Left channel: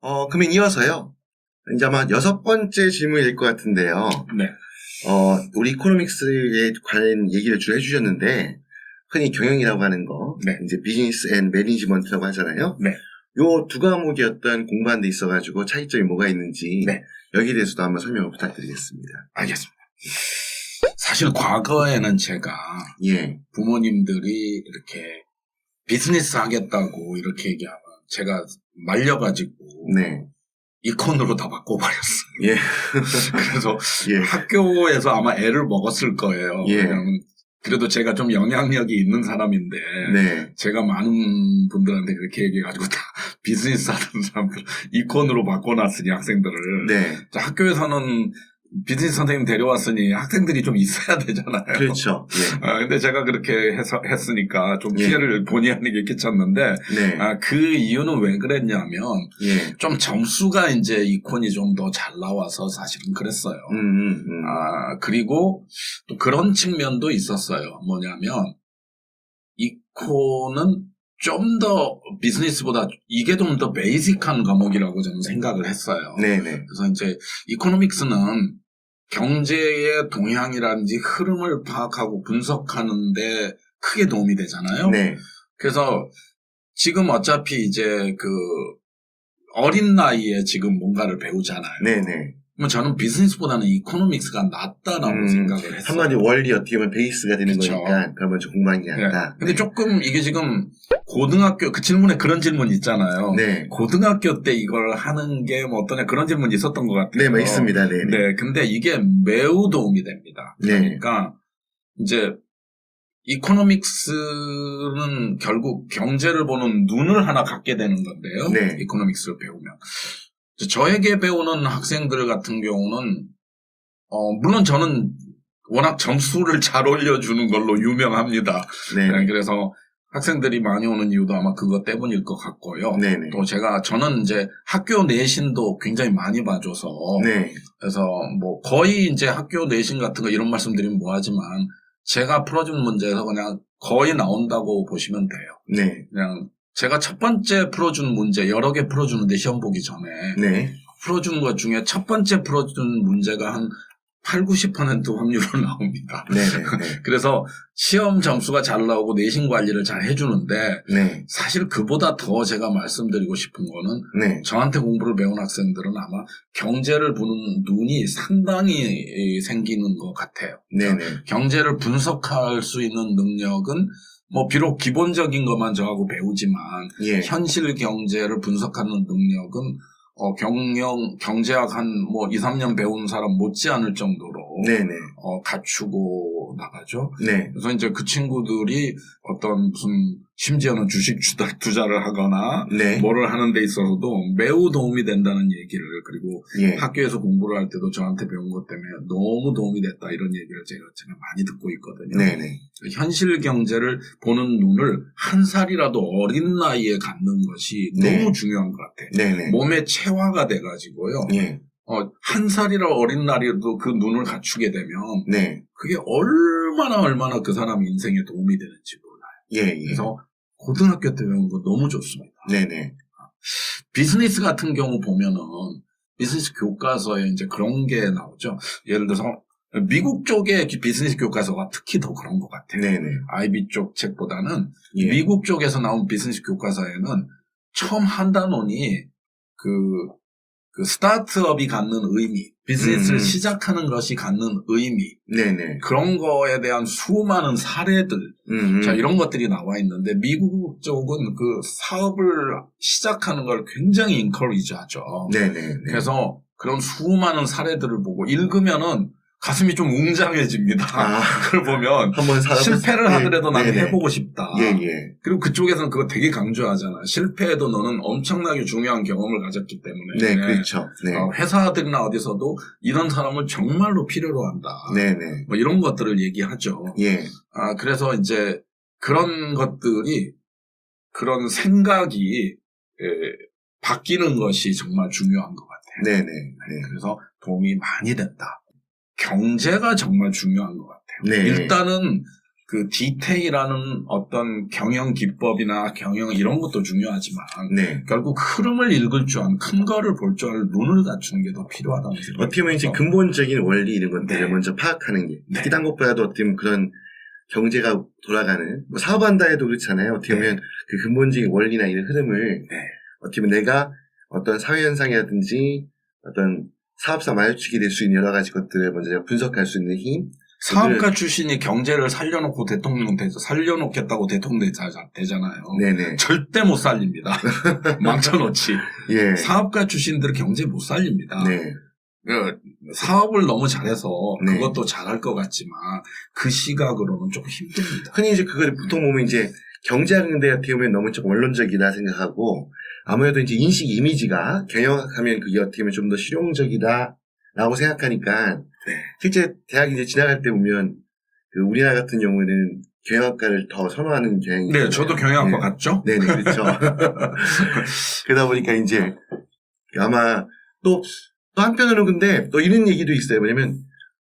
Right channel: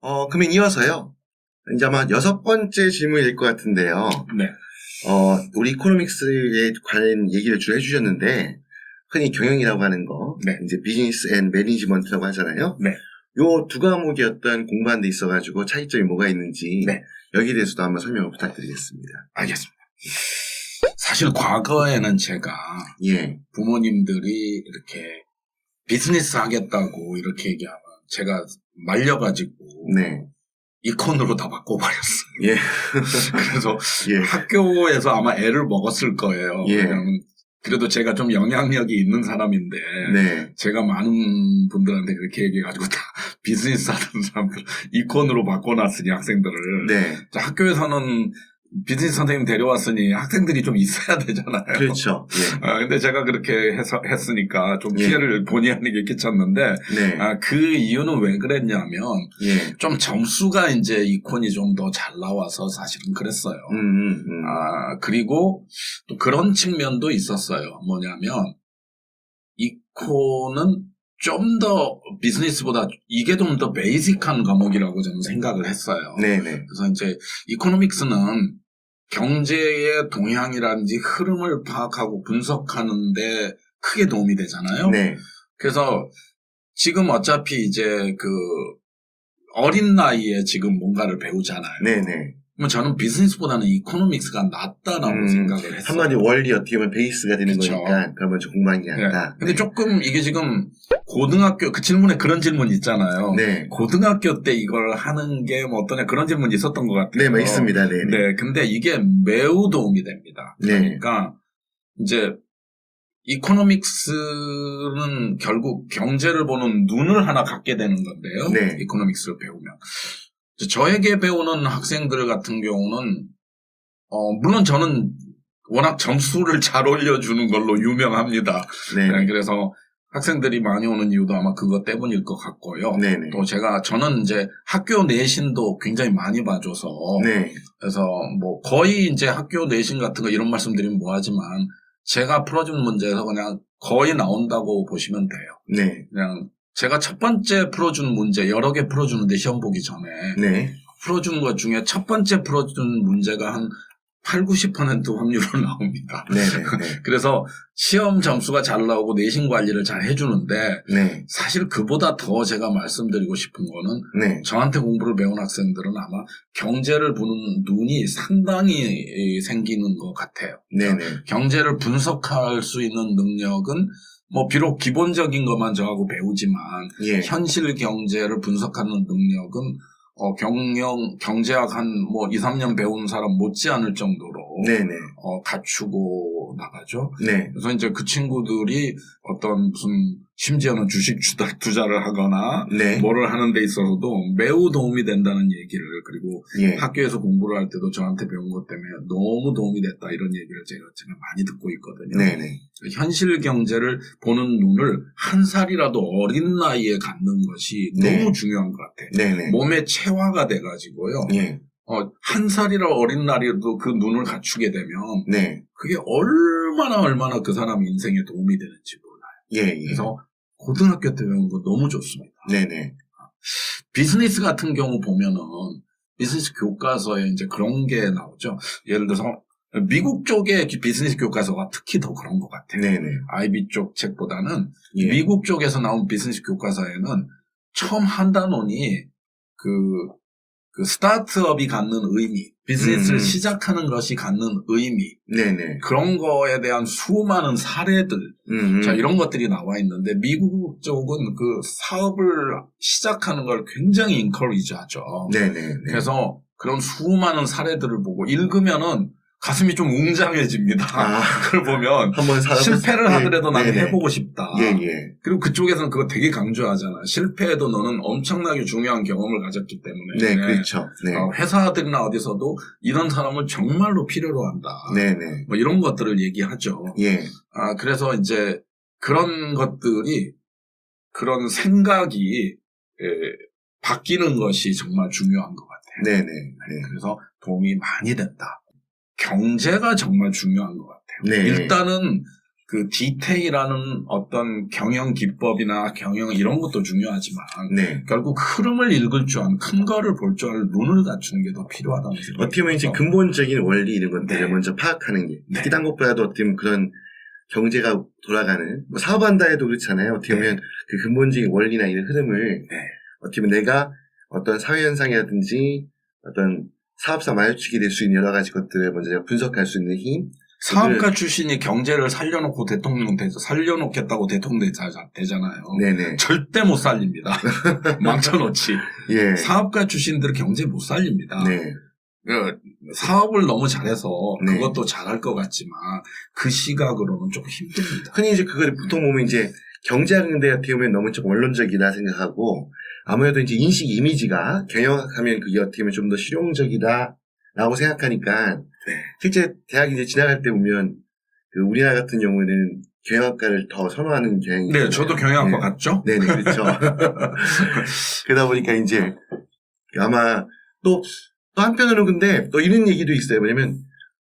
그러면 이어서요. 이제 아마 6번째 질문일 것 같은데요. 네. 우리 이코노믹스에 관한 얘기를 주로 해주셨는데, 흔히 경영이라고 하는 거, 네. 이제 비즈니스 앤 매니지먼트라고 하잖아요. 네. 요 두 과목이 어떤 공부하는 데 있어가지고 차이점이 뭐가 있는지, 네. 여기에 대해서도 한번 설명을 부탁드리겠습니다. 알겠습니다. 사실 과거에는 제가 예. 부모님들이 이렇게 비즈니스 하겠다고 이렇게 얘기하면 제가 말려가지고 네. 이콘으로 다 바꿔버렸어요. 예. 그래서 예. 학교에서 아마 애를 먹었을 거예요. 예. 왜냐면 그래도 제가 좀 영향력이 있는 사람인데 네. 제가 많은 분들한테 그렇게 얘기해가지고 다 비즈니스 하는 사람들 이콘으로 바꿔놨으니 학생들을. 네. 자, 학교에서는 비즈니스 선생님 데려왔으니 학생들이 좀 있어야 되잖아요. 그렇죠. 예. 근데 제가 그렇게 했으니까 좀 예. 피해를 본의 아니게 끼쳤는데, 네. 그 이유는 왜 그랬냐면, 예. 좀 점수가 이제 이콘이 좀 더 잘 나와서 사실은 그랬어요. 그리고 또 그런 측면도 있었어요. 뭐냐면, 이콘은 좀 더 비즈니스보다 이게 좀 더 베이직한 과목이라고 저는 생각을 했어요. 네네. 그래서 이제 이코노믹스는 경제의 동향이라든지 흐름을 파악하고 분석하는데 크게 도움이 되잖아요. 네. 그래서 지금 어차피 이제 그 어린 나이에 지금 뭔가를 배우잖아요. 네네. 그럼 저는 비즈니스보다는 이코노믹스가 낫다라고 생각을 했어요. 한마디 원리 어떻게 보면 베이스가 되는 그쵸. 거니까 그걸 먼저 공부하는 게 낫다. 네. 근데 조금 이게 지금 고등학교 그 질문에 그런 질문 있잖아요. 네. 고등학교 때 이걸 하는 게 뭐 어떠냐 그런 질문이 있었던 것 같아요. 네, 있습니다. 네. 네, 근데 이게 매우 도움이 됩니다. 네. 그러니까 이제 이코노믹스는 결국 경제를 보는 눈을 하나 갖게 되는 건데요. 네. 이코노믹스를 배우면. 저에게 배우는 학생들 같은 경우는 물론 저는 워낙 점수를 잘 올려주는 걸로 유명합니다. 네. 그래서 학생들이 많이 오는 이유도 아마 그것 때문일 것 같고요. 네네. 또 저는 이제 학교 내신도 굉장히 많이 봐줘서. 네. 그래서 뭐 거의 이제 학교 내신 같은 거 이런 말씀드리면 뭐하지만 제가 풀어준 문제에서 그냥 거의 나온다고 보시면 돼요. 네. 그냥 제가 첫 번째 풀어준 문제 여러 개 풀어주는데 시험 보기 전에. 네. 풀어준 것 중에 첫 번째 풀어준 문제가 한 8, 90% 확률로 나옵니다. 네네. 그래서 시험 점수가 잘 나오고 내신 관리를 잘 해주는데 네. 사실 그보다 더 제가 말씀드리고 싶은 거는 네. 저한테 공부를 배운 학생들은 아마 경제를 보는 눈이 상당히 생기는 것 같아요. 네네. 경제를 분석할 수 있는 능력은 뭐 비록 기본적인 것만 저하고 배우지만 예. 현실 경제를 분석하는 능력은 경제학 한 뭐 2, 3년 배운 사람 못지않을 정도로 네네. 갖추고 나가죠. 네. 그래서 이제 그 친구들이 어떤 무슨 심지어는 주식 투자를 하거나 네. 뭐를 하는 데 있어서도 매우 도움이 된다는 얘기를 그리고 예. 학교에서 공부를 할 때도 저한테 배운 것 때문에 너무 도움이 됐다 이런 얘기를 제가 많이 듣고 있거든요. 네네. 현실 경제를 보는 눈을 한 살이라도 어린 나이에 갖는 것이 네. 너무 중요한 것 같아요. 네네. 몸에 체화가 돼가지고요. 예. 한 살이라 어린 나이에도 그 눈을 갖추게 되면 네. 그게 얼마나 그 사람 인생에 도움이 되는지 몰라요. 예. 예. 그래서 고등학교 때 배운 거 너무 좋습니다. 네네. 비즈니스 같은 경우 보면은 비즈니스 교과서에 이제 그런 게 나오죠. 예를 들어서 미국 쪽의 비즈니스 교과서가 특히 더 그런 것 같아요. 네네. IB 쪽 책보다는 예. 미국 쪽에서 나온 비즈니스 교과서에는 처음 한 단원이 그 스타트업이 갖는 의미, 비즈니스를 시작하는 것이 갖는 의미, 네네. 그런 거에 대한 수많은 사례들, 자, 이런 것들이 나와 있는데, 미국 쪽은 그 사업을 시작하는 걸 굉장히 인커리지 하죠. 네네. 그래서 그런 수많은 사례들을 보고 읽으면은 가슴이 좀 웅장해집니다. 그걸 보면 한번 실패를 하더라도 나는 네네. 해보고 싶다. 예. 그리고 그쪽에서는 그거 되게 강조하잖아. 실패해도 너는 엄청나게 중요한 경험을 가졌기 때문에. 네, 그렇죠. 네. 회사들이나 어디서도 이런 사람을 정말로 필요로 한다. 네네. 뭐 이런 것들을 얘기하죠. 예. 그래서 이제 그런 것들이 그런 생각이 바뀌는 것이 정말 중요한 것 같아요. 네네. 그래서 도움이 많이 된다. 경제가 정말 중요한 것 같아요. 네. 일단은 그 디테일하는 어떤 경영 기법이나 경영 이런 것도 중요하지만 네. 결국 흐름을 읽을 줄 아는 큰 거를 볼 줄 아는 눈을 갖추는 게 더 필요하다는 생각이 어떻게 보면 이제 들어서. 근본적인 원리 이런 것들을 네. 먼저 파악하는 게 네. 특히 딴 것보다도 어떻게 보면 그런 경제가 돌아가는 뭐 사업한다 해도 그렇잖아요. 어떻게 보면 네. 그 근본적인 원리나 이런 흐름을 네. 어떻게 보면 내가 어떤 사회현상이라든지 어떤 사업사 마주치게 될 수 있는 여러 가지 것들을 먼저 분석할 수 있는 힘. 사업가 출신이 경제를 살려놓고 살려놓겠다고 대통령 되잖아요. 네네. 절대 못 살립니다. 망쳐놓지. 예. 사업가 출신들은 경제 못 살립니다. 네. 사업을 너무 잘해서 네. 그것도 잘할 것 같지만 그 시각으로는 조금 힘듭니다. 흔히 이제 그걸 보통 보면 이제 경제학인데 어떻게 보면 너무 좀 원론적이다 생각하고 아무래도 이제 인식 이미지가 경영하면 그게 어떻게 보면 좀 더 실용적이다라고 생각하니까 네. 실제 대학 이제 지나갈 때 보면 그 우리나라 같은 경우에는 경영학과를 더 선호하는 경향이 네, 있잖아요. 저도 경영학과 네. 갔죠. 네네, 그렇죠. 그러다 보니까 이제 아마 또 한편으로는 근데 또 이런 얘기도 있어요. 뭐냐면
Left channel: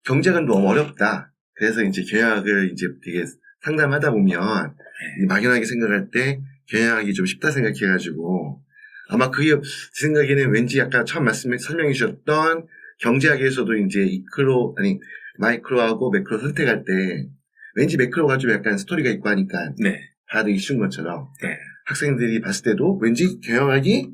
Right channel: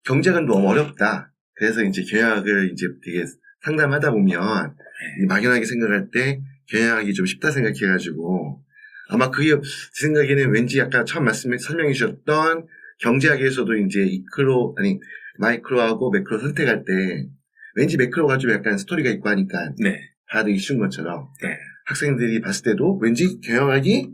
경제가 너무 어렵다. 그래서 이제 경영학을 이제 되게 상담하다 보면 막연하게 생각할 때 경영학이 좀 쉽다 생각해가지고 아마 그게 제 생각에는 왠지 아까 처음 설명해 주셨던 경제학에서도 이제 마이크로하고 매크로 선택할 때 왠지 매크로가 좀 약간 스토리가 있고 하니까 네. 다들 쉬운 것처럼 네. 학생들이 봤을 때도 왠지 경영학이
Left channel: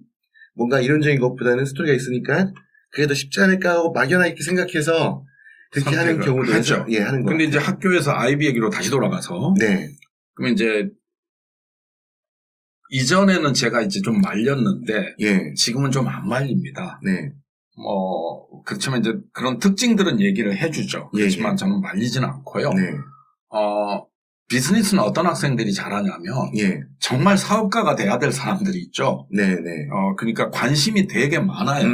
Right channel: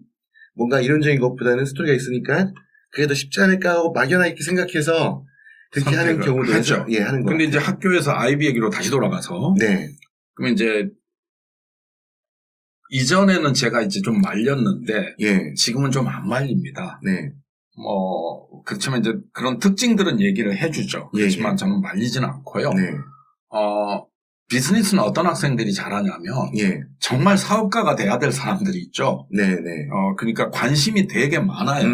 뭔가 이론적인 것보다는 스토리가 있으니까 그게 더 쉽지 않을까 하고 막연하게 생각해서 그렇게 하는 경우도 하죠. 예, 하는 거. 근데 이제 학교에서 아이비 얘기로 다시 돌아가서 네. 그러면 이제 이전에는 제가 이제 좀 말렸는데 예. 지금은 좀 안 말립니다. 네. 그렇지만 이제 그런 특징들은 얘기를 해주죠. 그렇지만 예. 저는 말리지는 않고요. 네. 비즈니스는 어떤 학생들이 잘하냐면 예. 정말 사업가가 돼야 될 사람들이 있죠. 네, 네. 그러니까 관심이 되게 많아요.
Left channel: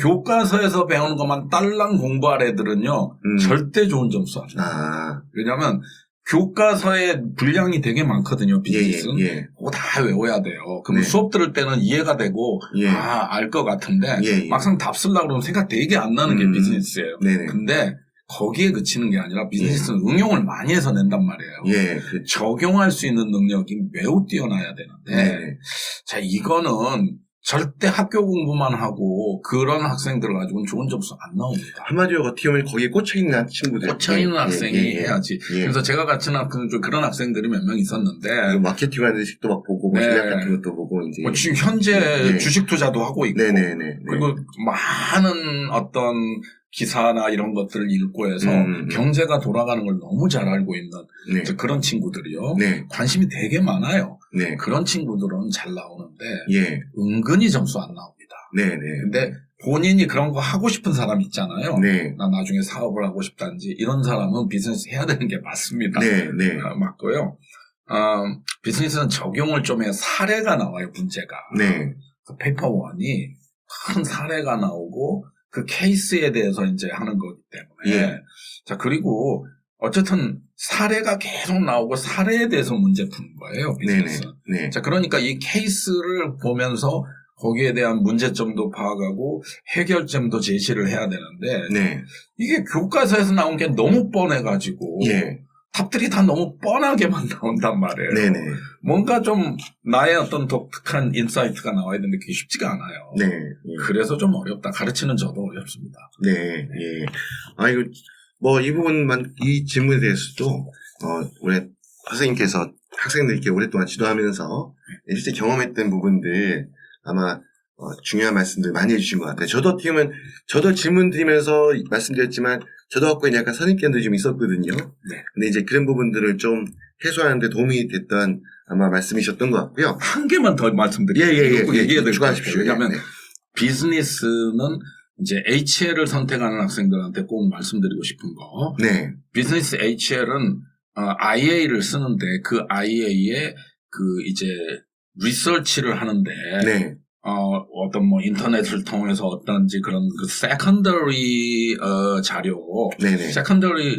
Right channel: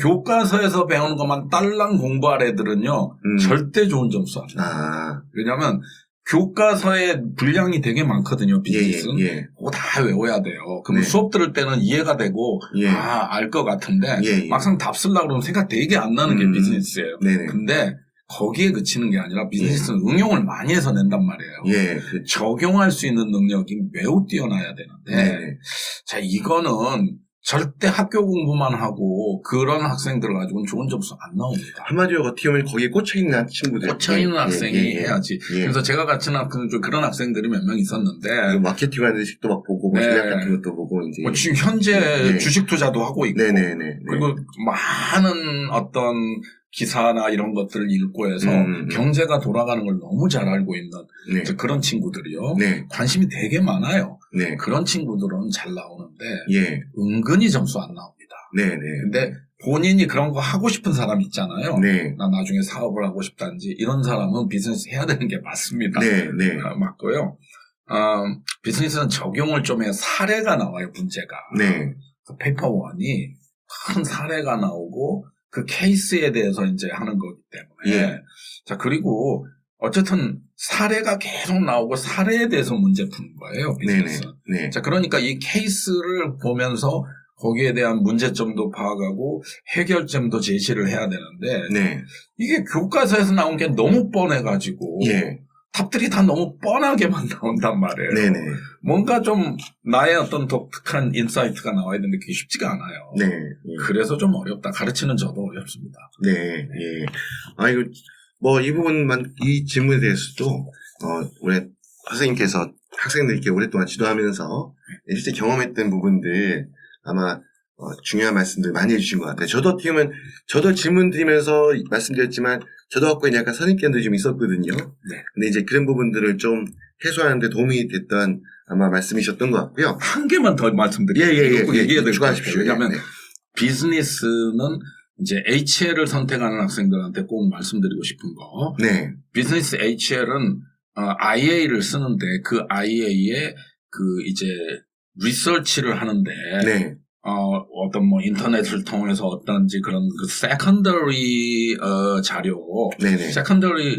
교과서에서 배우는 것만 딸랑 공부할 애들은요 절대 좋은 점수 안 줘요. 왜냐하면 교과서에 분량이 되게 많거든요. 비즈니스는. 예. 그거 다 외워야 돼요. 그럼 네. 수업 들을 때는 이해가 되고 예. 알 것 같은데 예. 막상 답 쓰려고 그러면 생각 되게 안 나는 게 비즈니스예요. 네네. 근데 거기에 그치는 게 아니라 비즈니스는 응용을 많이 해서 낸단 말이에요. 예. 그렇죠. 적용할 수 있는 능력이 매우 뛰어나야 되는데 네. 자 이거는 절대 학교 공부만 하고 그런 학생들 가지고는 좋은 점수 안 나옵니다. 한마디로 어떻게 보면 거기에 꽂혀있는 친구들. 꽂혀있는 학생이 해야지. 예. 그래서 제가 같은 학생 좀 그런 학생들이 몇 명 있었는데 마케팅 하는 식도 막 보고 네. 전략 같은 것도 보고 이제 지금 현재 네. 주식 투자도 하고 있고 네네네. 그리고 많은 어떤 기사나 이런 것들을 읽고 해서 경제가 돌아가는 걸 너무 잘 알고 있는 네. 이제 그런 친구들이요. 네. 관심이 되게 많아요. 네. 그런 친구들은 잘 나오는데 예. 은근히 점수 안 나옵니다. 네네. 근데 본인이 그런 거 하고 싶은 사람 있잖아요. 네. 나 나중에 사업을 하고 싶다든지 이런 사람은 비즈니스 해야 되는 게 맞습니다. 네. 맞고요. 비즈니스는 적용을 좀 해야 사례가 나와요. 문제가. 네. 그 페이퍼 1이 큰 사례가 나오고 그 케이스에 대해서 이제 하는 거기 때문에. 예. 자, 그리고 어쨌든 사례가 계속 나오고 사례에 대해서 문제 푸는 거예요. 비즈니스는. 네. 자, 그러니까 이 케이스를 보면서 거기에 대한 문제점도 파악하고 해결점도 제시를 해야 되는데 네. 이게 교과서에서 나온 게 너무 뻔해가지고 예. 답들이 다 너무 뻔하게만 나온단 말이에요. 네네. 뭔가 좀 나의 어떤 독특한 인사이트가 나와야 되는데 그게 쉽지가 않아요. 네. 예. 그래서 좀 어렵다. 가르치는 저도 어렵습니다. 네. 예. 이거 뭐 이 부분만 이 질문에 대해서도 올해 선생님께서 학생들께 오랫동안 지도하면서 실제 경험했던 부분들 아마 중요한 말씀들 많이 해주신 것 같아요. 저도 어떻게 보면 저도 질문 드리면서 말씀드렸지만 저도 학교에 약간 선입견도 좀 있었거든요. 네. 근데 이제 그런 부분들을 좀 해소하는 데 도움이 됐던 아마 말씀이셨던 것 같고요. 한 개만 더 말씀드릴게요. 예. 얘기해야 될 것 같아요. 추가하십시오. 왜냐하면 네. 비즈니스는 이제 HL을 선택하는 학생들한테 꼭 말씀드리고 싶은 거. 네. 비즈니스 HL은 IA를 쓰는데 그 IA에 그 이제 리서치를 하는데 네. 어떤 뭐 인터넷을 통해서 어떤지 그런 그 세컨더리 자료, 네네. 세컨더리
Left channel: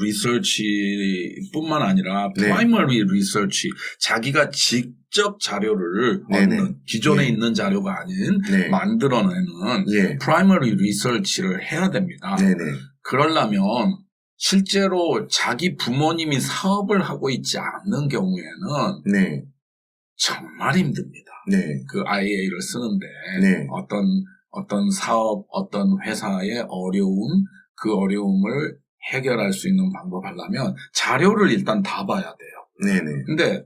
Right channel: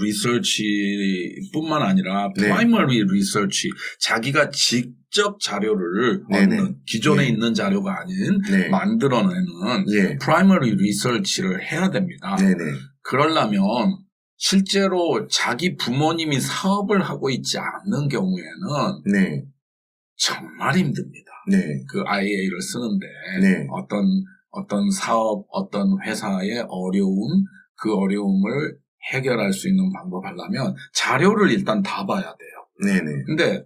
리서치뿐만 아니라 네. 프라이머리 리서치, 자기가 직접 자료를 네네. 얻는 기존에 네. 있는 자료가 아닌 네. 만들어내는 예. 프라이머리 리서치를 해야 됩니다. 네네. 그러려면 실제로 자기 부모님이 사업을 하고 있지 않는 경우에는 네. 정말 힘듭니다. 네. 그 IA를 쓰는데 네. 어떤 사업, 어떤 회사의 어려움, 그 어려움을 해결할 수 있는 방법 하려면 자료를 일단 다 봐야 돼요. 네네. 근데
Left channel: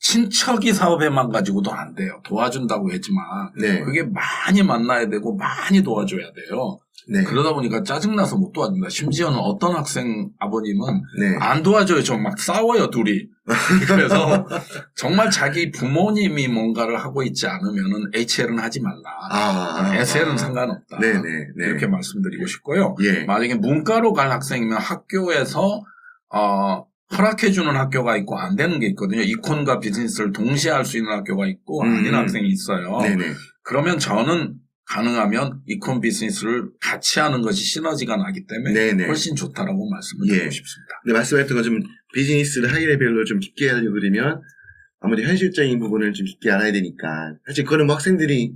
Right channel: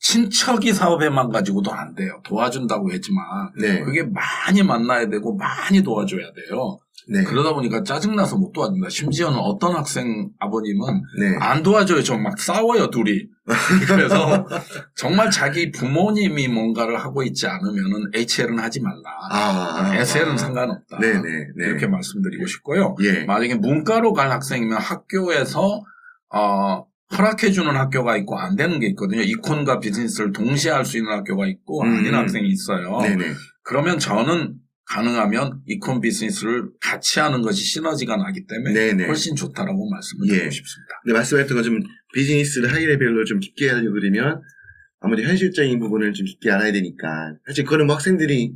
친척이 사업에만 가지고도 안 돼요. 도와준다고 했지만 네. 그게 많이 만나야 되고 많이 도와줘야 돼요. 네. 그러다 보니까 짜증나서 못 도와준다. 심지어는 어떤 학생 아버님은 네. 안 도와줘요. 좀 막 싸워요, 둘이. 그래서 정말 자기 부모님이 뭔가를 하고 있지 않으면은 HL은 하지 말라. SL은 상관없다. 네네. 네. 이렇게 말씀드리고 싶고요. 예. 만약에 문과로 갈 학생이면 학교에서 허락해주는 학교가 있고 안 되는 게 있거든요. 이콘과 비즈니스를 동시에 할 수 있는 학교가 있고 아닌 학생이 있어요. 네네. 그러면 저는 가능하면 이콘 비즈니스를 같이 하는 것이 시너지가 나기 때문에 네네. 훨씬 좋다라고 말씀을 드리고 예. 싶습니다. 근데 말씀하셨던 것 좀 비즈니스를 하이 레벨로 좀 깊게 하려고 그러면 아무래도 현실적인 부분을 좀 깊게 알아야 되니까 사실 그거는 뭐 학생들이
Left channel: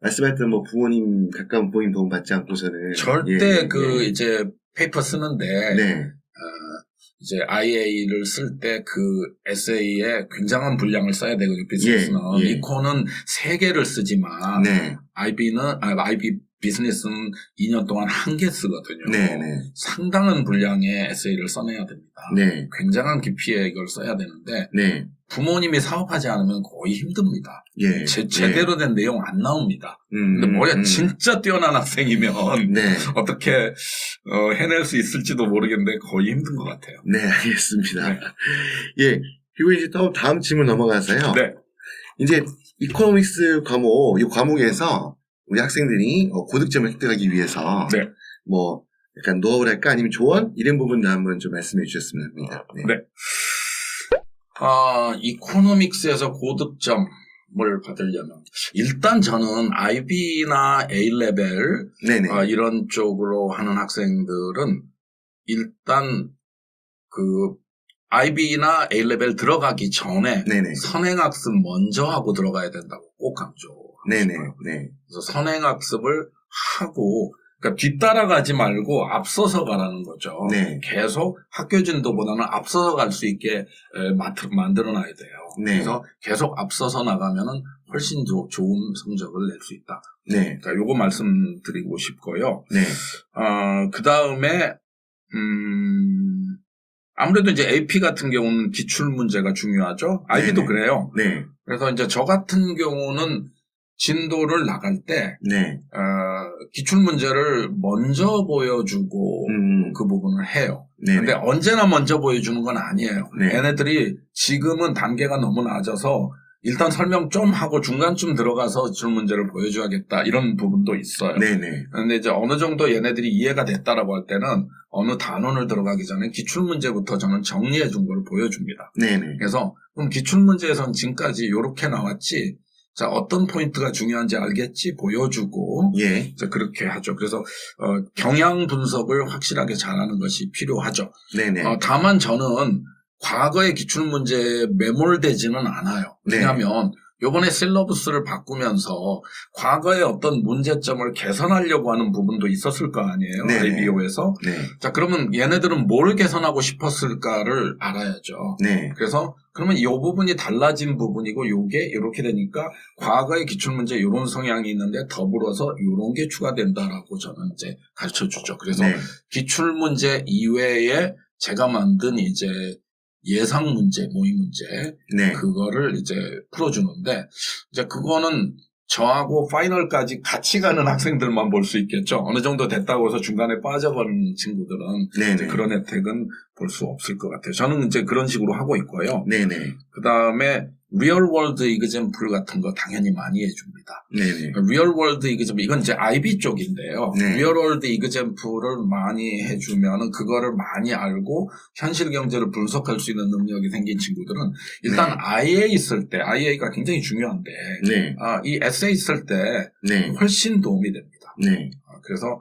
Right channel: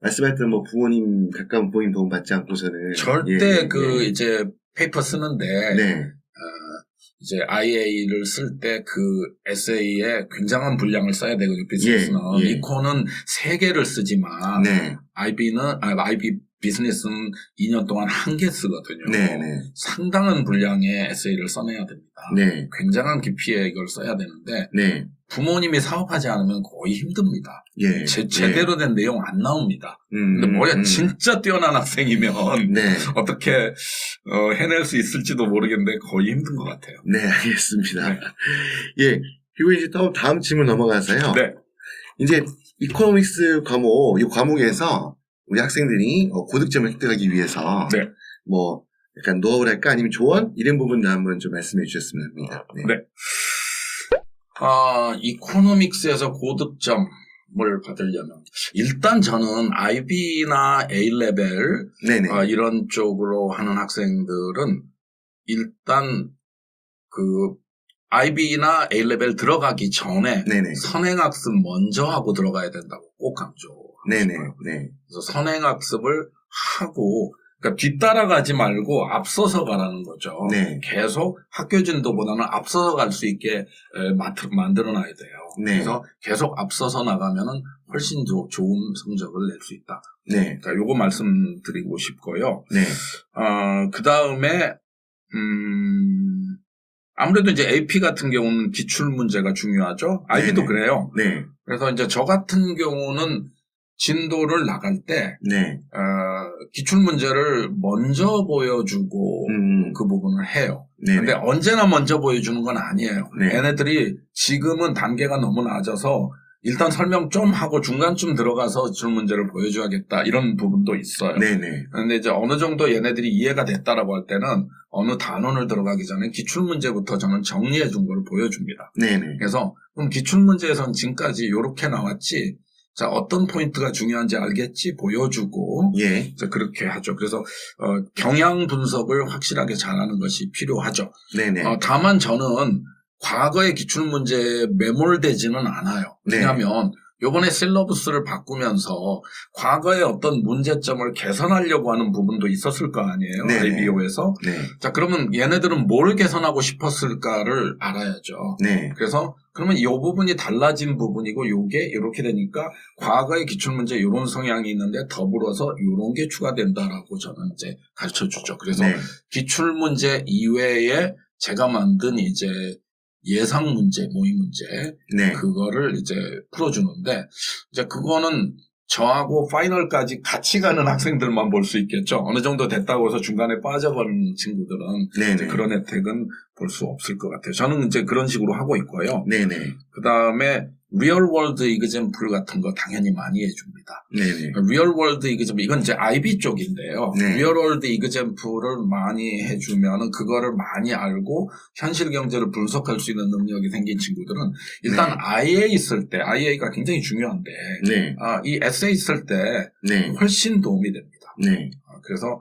말씀하셨던 뭐 부모님 가까운 부모님 도움 받지 않고서는 절대 이제 페이퍼 쓰는데 네. 이제 IA를 쓸 때 그 에세이에 굉장한 분량을 써야 되거든요. 비즈니스는 이콘은 3개를 쓰지만 네. IB 비즈니스는 2년 동안 1개 쓰거든요. 네네. 상당한 분량의 에세이를 써내야 됩니다. 네. 굉장한 깊이의 이걸 써야 되는데 네. 부모님이 사업하지 않으면 거의 힘듭니다. 예. 제대로 된 내용 안 나옵니다. 근데 뭐야 진짜 뛰어난 학생이면 네. 어떻게 해낼 수 있을지도 모르겠는데 거의 힘든 것 같아요. 네, 알겠습니다. 네. 예. 그리고 이제 또 다음 질문 넘어가서요. 네. 이제 이코노믹스 과목, 이 과목에서 우리 학생들이 고득점을 획득하기 위해서 네. 뭐 약간 노하우랄까 아니면 조언 이런 부분도 한번 좀 말씀해 주셨으면 합니다. 네. 네. 이코노믹스에서 고득점을 받으려면 일단 저는 IB나 A레벨 이런 쪽으로 하는 학생들은 일단 그 IB나 A레벨 들어가기 전에 선행학습 먼저 하고 들어가야 된다고 꼭 강조합니다. 그래서 선행학습을 하고 그러니까 뒤따라가지 말고 앞서서 가라는 거죠. 계속 학교 진도보다는 앞서서 갈 수 있게 만들어놔야 돼요. 그래서 계속 앞서서 나가면은 훨씬 좋은 성적을 낼 수 있다. 그러니까 요거 말씀드리고 싶고요. 그 다음에 아무래도 이제 AP 같은 경우는 기출 문제가 중요하죠. IB도 그래요. 그래서 이제 저 같은 경우는 진도를 나갈 때 기출 문제를 먼저 보여주고 그 부분을 해요. 근데 언제나 먼저 보여주는 건 아니에요. 얘네들이 지금은 단계가 너무 낮아서 일단 설명 좀 하고 중간쯤 들어가서 기출 문제를 보여줘야겠다 이런 부분도 있어요. 그런데 이제 어느 정도 얘네들이 이해가 됐다라고 할 때는 어느 단원을 들어가기 전에 기출 문제부터 저는 정리해 준 걸 보여줍니다. 그래서 그럼 기출 문제에서는 지금까지 이렇게 나왔지. 자, 어떤 포인트가 중요한지 알겠지 보여주고 자, 그렇게 하죠. 그래서 경향 분석을 확실하게 잘하는 것이 필요하죠. 다만 저는 과거의 기출문제에 매몰되지는 않아요. 왜냐하면 요번에 셀러브스를 바꾸면서 과거의 어떤 문제점을 개선하려고 하는 부분도 있었을 거 아니에요. IBO에서. 자, 그러면 얘네들은 뭘 개선하고 싶었을까를 알아야죠. 그래서 그러면 이 부분이 달라진 부분이고 요게 이렇게 되니까 과거의 기출문제 이런 성향이 있는데 더불어서 이런 게 추가된다라고 저는 이제 가르쳐 주죠. 그래서 기출문제 이외에 제가 만든 이제 예상 문제, 모의 문제, 그거를 이제 풀어주는데, 이제 그거는 저하고 파이널까지 같이 가는 학생들만 볼 수 있겠죠. 어느 정도 됐다고 해서 중간에 빠져버리는 친구들은 이제 그런 혜택은 볼 수 없을 것 같아요. 저는 이제 그런 식으로 하고 있고요. 그 다음에 리얼월드 이그젬플 같은 거 당연히 많이 해줍니다. 리얼월드 이그젬플 이건 이제 IB 쪽인데요. 리얼월드 이그젬플을 많이 해주면은 그거를 많이 알고 현실 경제를 분석할 수 있는 능력이 생긴 친구들은 일단 IA 쓸 때 IA가 굉장히 중요한데 이 에세이 쓸 때 훨씬 도움이 됩니다. 그래서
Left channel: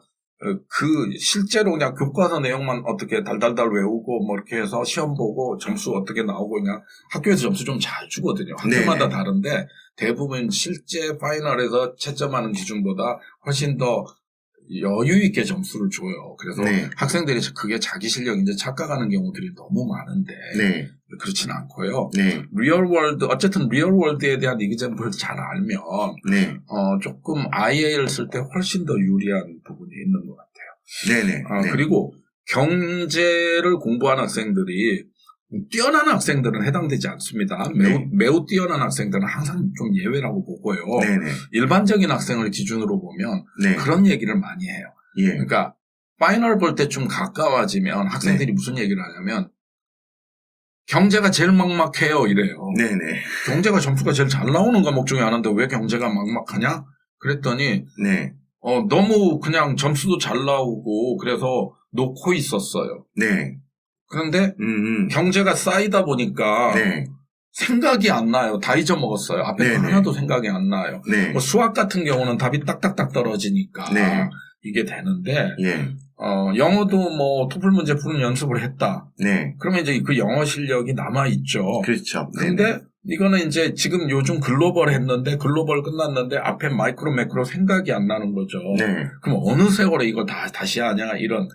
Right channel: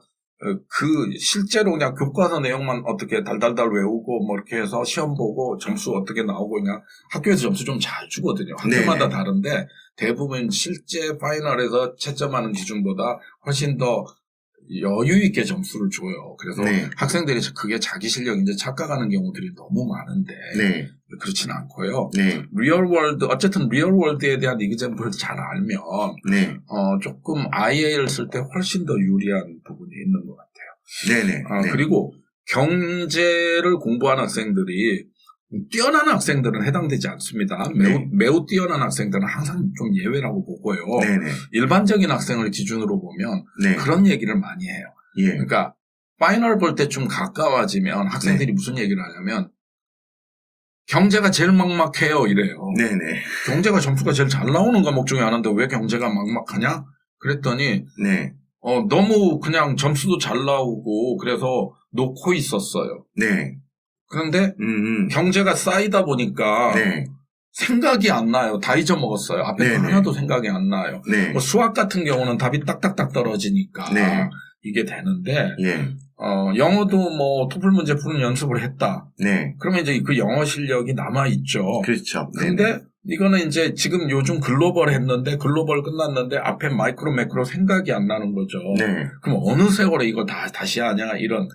실제로 그냥 교과서 내용만 어떻게 달달달 외우고 뭐 이렇게 해서 시험 보고 점수 어떻게 나오고 그냥 학교에서 점수 좀 잘 주거든요. 학교마다 다른데 대부분 실제 파이널에서 채점하는 기준보다 훨씬 더 여유 있게 점수를 줘요. 그래서 네. 학생들이 그게 자기 실력인지 착각하는 경우들이 너무 많은데 네. 그렇진 않고요. 네. 리얼월드 어쨌든 리얼월드에 대한 이그잼플을 잘 알면 네. 조금 IA를 쓸 때 훨씬 더 유리한 부분이 있는 것 같아요. 네네. 네. 그리고 경제를 공부하는 학생들이 뛰어난 학생들은 해당되지 않습니다. 매우 뛰어난 학생들은 항상 좀 예외라고 보고요. 네네. 일반적인 학생을 기준으로 보면 네. 그런 얘기를 많이 해요. 예. 그러니까 파이널 볼 때 좀 가까워지면 학생들이 무슨 얘기를 하냐면 경제가 제일 막막해요 이래요. 네네. 경제가 점수가 제일 잘 나오는 과목 중에 하나인데 왜 경제가 막막하냐? 그랬더니 네. 너무 그냥 점수도 잘 나오고 그래서 놓고 있었어요. 네. 그런데 경제가 쌓이다 보니까 네. 생각이 안 나요. 다 잊어먹었어요. 앞에 네네. 하나도 생각이 안 나요. 네. 뭐 수학 같은 경우는 답이 딱딱딱 떨어지니까 네. 이게 되는데 예. 영어도 뭐 토플 문제 푸는 연습을 했다. 네. 그러면 이제 그 영어 실력이 남아있죠. 그렇죠. 근데 이거는 이제 지금 요즘 글로벌 했는데 글로벌 끝났는데 앞에 마이크로 매크로 생각이 안 나는 거죠. 네. 그럼 어느 세월에 이걸 다시 하냐 이런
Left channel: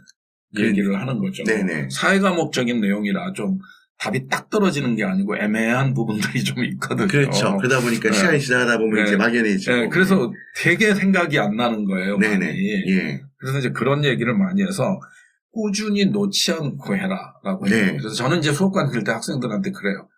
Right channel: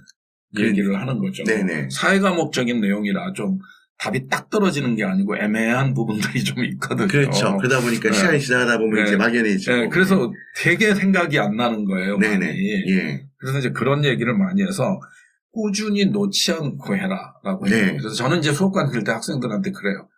얘기를 하는 거죠. 네네. 사회과목적인 내용이라 좀 답이 딱 떨어지는 게 아니고 애매한 부분들이 좀 있거든요. 그렇죠. 그러다 보니까 시간이 지나가다 보면 이제 막연해지고. 네, 그래서 되게 생각이 안 나는 거예요. 네네. 많이. 예. 그래서 이제 그런 얘기를 많이 해서 꾸준히 놓지 않고 해라라고 해요. 네. 그래서 저는 이제 수업관 들 때 학생들한테 그래요.